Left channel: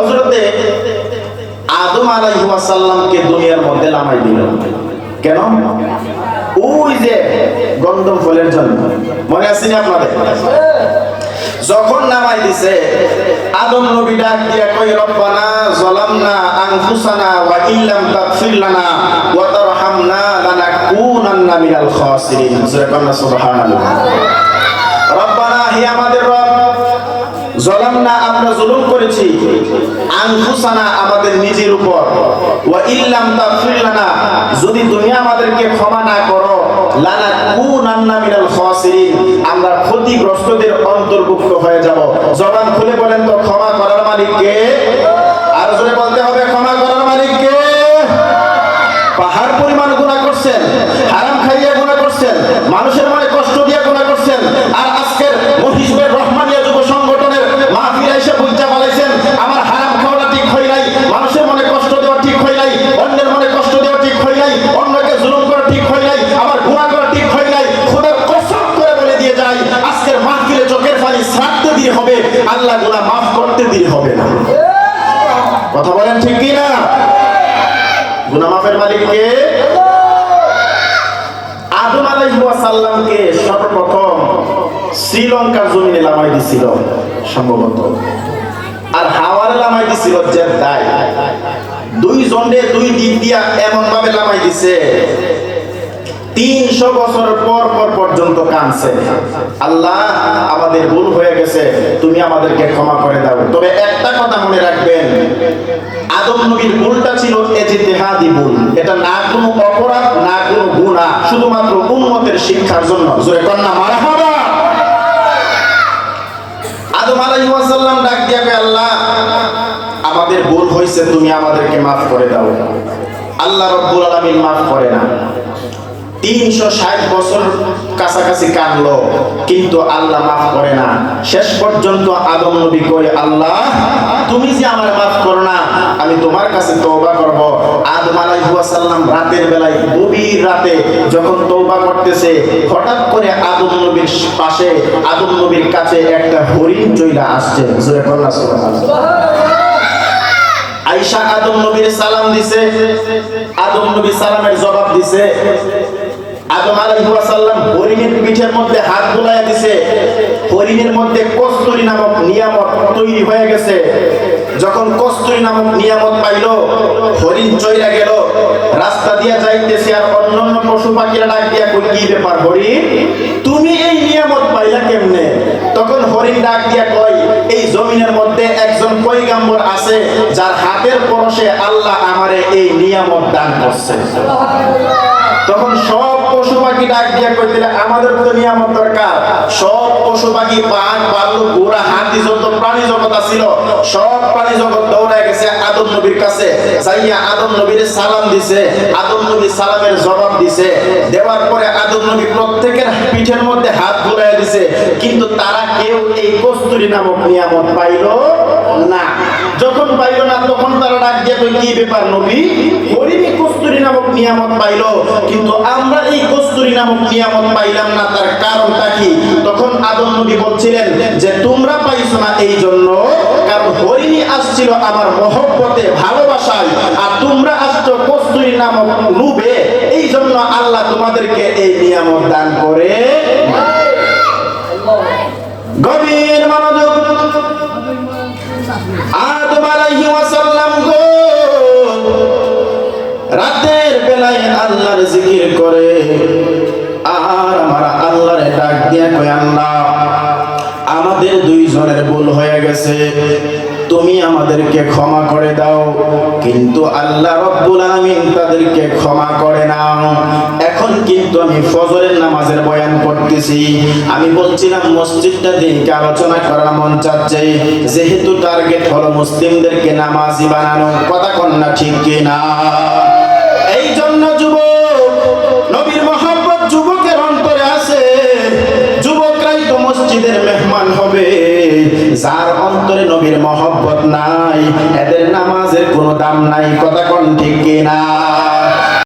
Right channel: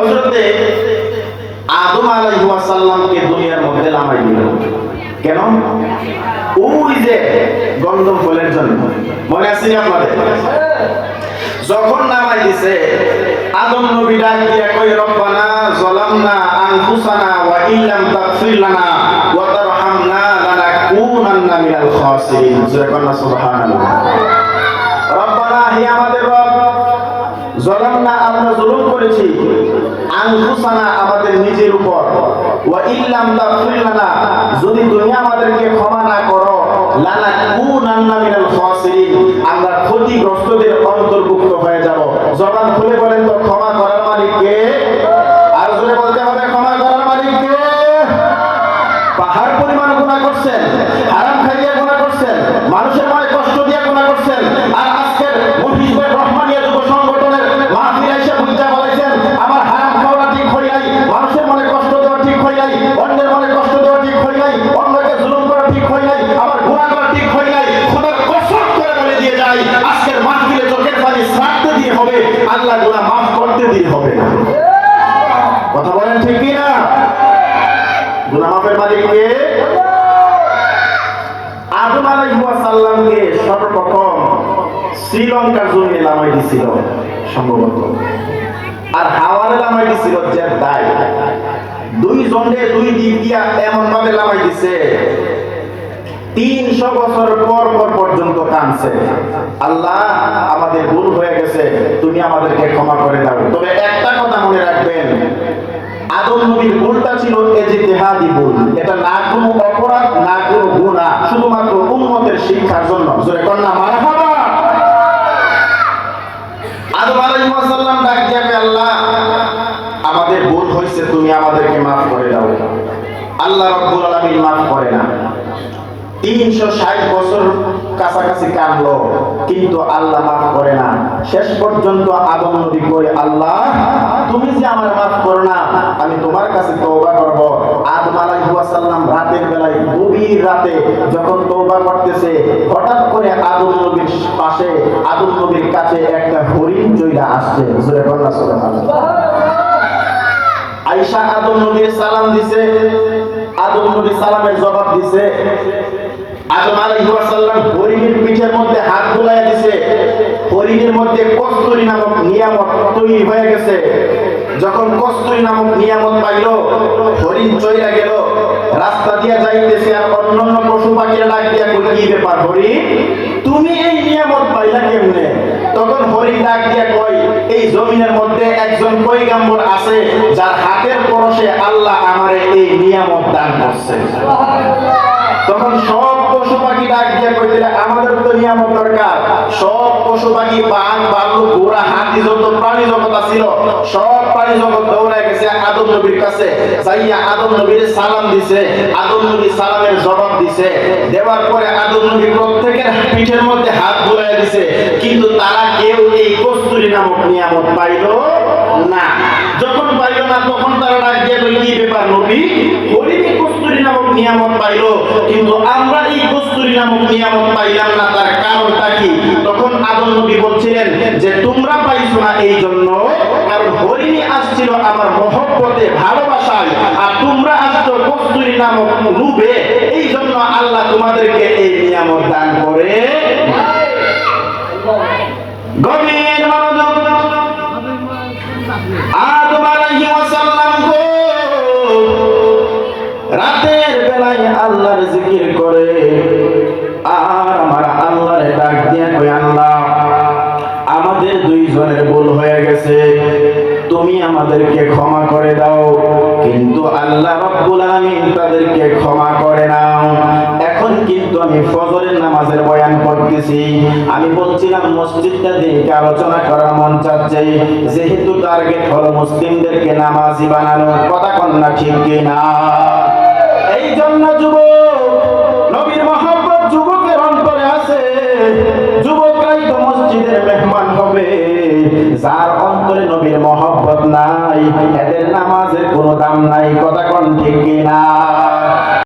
হযরতে আদম আলাইহিস সালামকে দুনিয়ার মধ্যে নামাই দিল। কেন? ওই যে গন্ধম ফলের জন্য। মনে আছে না আপনাদের? যখন নামাই দিছে, আদম নবী ডাক দিয়া কই, রব্বানা যালামনা আনফুসানা ওয়া ইল্লাম তাগফির লানা ওয়া তারহামনা লানাকুনান্না মিনাল খাসিরিন। সুবহানাল্লাহ। রব্বানা, হে আমাদের রব, যালামনা, আমরা জুলুম করেছি, আনফুসানা, আমাদের নিজের উপর, ওয়া ইল্লাম তাগফির লানা, যদি তুমি আমাদেরকে ক্ষমা না করো, লানাকুনান্না মিনাল খাসিরিন, আমরা ক্ষতিগ্রস্তদের অন্তর্ভুক্ত হয়ে যাব। জবান খুলে বলেন তো, ক্ষমা করার মালিক কে? আর জোরে বলতে হবে, ক্ষমা করার মালিক কে? পাহাড় পরিমাণ গুনাহ করছেন, হারাম খাইয়া গুনাহ করছেন, মানুষের মনে কষ্ট দিয়ে গুনাহ করছেন, আর আজকের মহিষবের রহমানিয়া যুব সংগঠনের মাহফিলে এসে বুঝা বলাইছেন আমার হারাম খাওয়া ঠিক হয় নাই, মানুষের মনে কষ্ট দেওয়া ঠিক হয় নাই, অন্যের মনে কষ্ট দেওয়া ঠিক হয় নাই, অন্যকে জুলুম করা ঠিক হয় নাই, আবার গুনাহ করা ঠিক হয় নাই। খোদার কসম করে বলে দিয়ে যাই, আজকের মাহফিলে চোখের পানি ছাড়তে দিয়ে হবে, আল্লাহ গুনাহ মাফ করতে দিয়ে হবে না। কথা বলেন ঠিক কি না? গুনাহ মাফের মালিক কে? আদম আলাইহিস সালামকে সর্বপ্রথম শ্রীলঙ্কার জমিনে নামাই দিছিল সম্ভবত, আর হাওয়ারে নামাই দিছিল জেদ্দায়। দুই জনে দুই দিক দিয়া এমন ভাবে নামাই দিছে, 300 বছর পর পর্যন্ত কাঁদছে, আল্লাহ আমাদের ভুল হয়ে গেছে, তুমি আমাদেরকে ক্ষমা করে দাও। তবে একটা কথা মনে রাখবেন, আদম নবীর ভুলটা ছিল ইজতিহাদি ভুল, এটা না কোনো অপরাধ না কোনো গুনাহ, শুধুমাত্র উম্মতের শিক্ষার জন্য। জোরে কন্না মারহাবা। আদম আলাইহিস সালাম ডাক দিয়া কয়, আল্লাহ আমাদের ভুল হইছে, তুমি আমাদেরকে maaf করে দাও। আল্লাহ রাব্বুল আলামিন maaf করে না। 360 বছর কাছাকাছি কাটলো, কিন্তু আল্লাহ মাফ করে না। শেষ পর্যন্ত আদম নবী কই, আল্লাহ তুমি যে আমারে মাফ করো না, আমি তোমার কাছে তওবা করব। আদম আলাইহিস সালাম রাতের বেলায়, গভীর রাতে যখন তওবা করতেছে, হঠাৎ করে আদম নবীর পাশে, আদম নবীর কাছে একটা হরিণ চইলা আসছে। জোরে বলনা সুবহানাল্লাহ। আয়েশা আদম নবীর সালাম দিছে, আদম নবী সালামের জবাব দিছে। আদম আলাইহিস সালাম হরিণের পিঠের মধ্যে হাত বুলাইয়া দিছে, হরিণের মধ্যে কস্তুরী নামক নিয়ামত তৈরি হয়ে গেছে। যখন কস্তুরী নামক নিয়ামত পাইল, হরিণ চইরা গেল, রাস্তা দিয়া যাইতেছে, আর অন্যান্য পশু পাখিরা ডাক দিয়া কই, কি ব্যাপার হরিণ, তুমি এই নিয়ামত পাইলা কেমনে? তখন হরিণ ডাক দিয়া কয়, এই জমিনের মধ্যে একজন পয়গম্বর আছে, যার হাতের পরশে আল্লাহ আমারে এই নিয়ামত দান করছে। তখন সব পশু পাখি ডাক দিয়া কইতেলে, আমাদের তো নিয়ামত দরকার। সব পশু পাখি, বাঘ, ভাল্লুক, ঘোড়া, হাতি, যত প্রাণী জগৎ আছিল, সব প্রাণী জগৎ দৌড়ায় গেছে আদম নবীর কাছে, যাইয়া আদম নবীর সালাম দিছে। আদম নবী সালামের জবাব দিছে, দেওয়ার পরে আদম নবী প্রত্যেকের পিঠের মধ্যে হাত বুলাইয়া দিছে, কিন্তু তারা কেউ এই কস্তুরী নামক নিয়ামত পাইল না। যখন পাইল না, তখন তারা ডাক দিয়ে কই, কি ব্যাপার নবী, হরিণ কস্তুরী নামক নিয়ামত পাইল, কিন্তু আমরা এই কস্তুরী নামক নিয়ামত পাইলাম না, তার কারণটা কি? তখন আদম নবী বলছিলেন যে তোমরা পাইছো না এই জন্য, কারণ হরিণী আসছিল আমার মহব্বতে, ভালোবাসায়, আর তোমরা আসছো কস্তুরী নামক লোভে, এই জন্য আল্লাহ তোমাদেরকে এই নিয়ামত দান করে। গভীর মনোযোগ। আদম আলাইহিস সালাম গো রাতের বেলায় আল্লাহর জিকির করে, আর আমার আল্লাহরে ডাক দিয়ে কয়, আল্লাহ আমাদের দুইজনের ভুল হয়ে গেছে, তুমি আমাদেরকে ক্ষমা করে দাও। কিন্তু আল্লাহ রাব্বুল আলামিন তাদেরকে ক্ষমা করে নাও। এখন কিন্তু আমি ফজরের নামাজের বয়ান করতেছি। আমি বলছিলাম মসজিদটা দিকে আলোচনা করার মন চাচ্ছে, যেহেতু টার্গেট হলো মুসলিমদেরকে নামাজি বানানো। কথা কন না ঠিক কিনা? এই জন্য যুবক, নবীর মহব্বত যুবকের অন্তরে আছে, যুবকরাই তো মসজিদের মেহমান হবে। যার অন্তরে নবীর মহব্বত নাই, এদের নামাজের কোনো দাম নাই। কথা কোন ঠিক কিনা?